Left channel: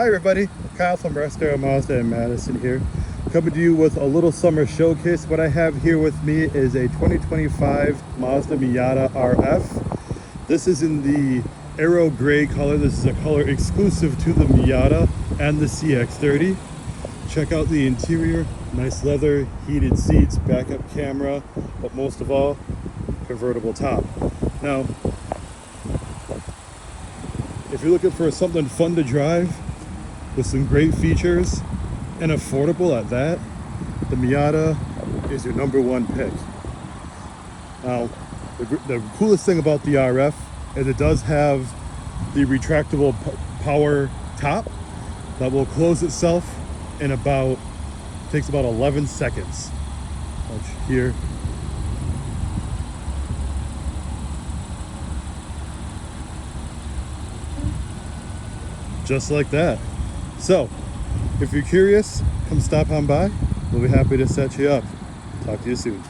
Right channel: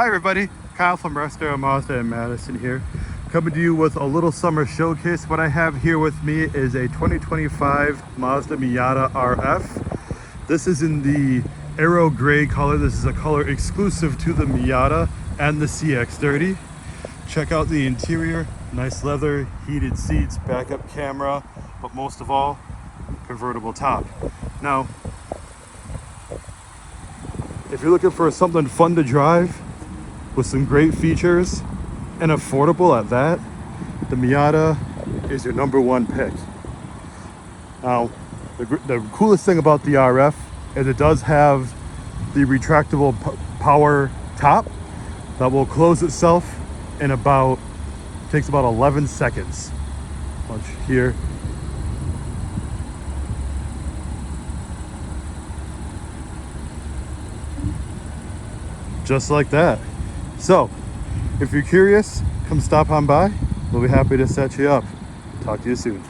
Hi everybody, Kyle from Russ Darrow Mazda in Madison here, coming to you with a little summer showcase. What I have here with me is a 2025 Mazda Miata RF. This is in the Aero Grey color. This is a color exclusive to the Miata and the CX-30. Check out the interior, nice leather, heated seats, backup camera, but most of all, convertible top. Now, if you're looking for something fun to drive with some great features and affordable at that, the Miata is your #1 pick. Now, the coolest thing about the RF is it does have the retractable power top that will close itself in takes about 11 seconds. Watch here. Just like that. So, if you're curious, come stop on by. We'll be happy to set you up. Talk to you soon.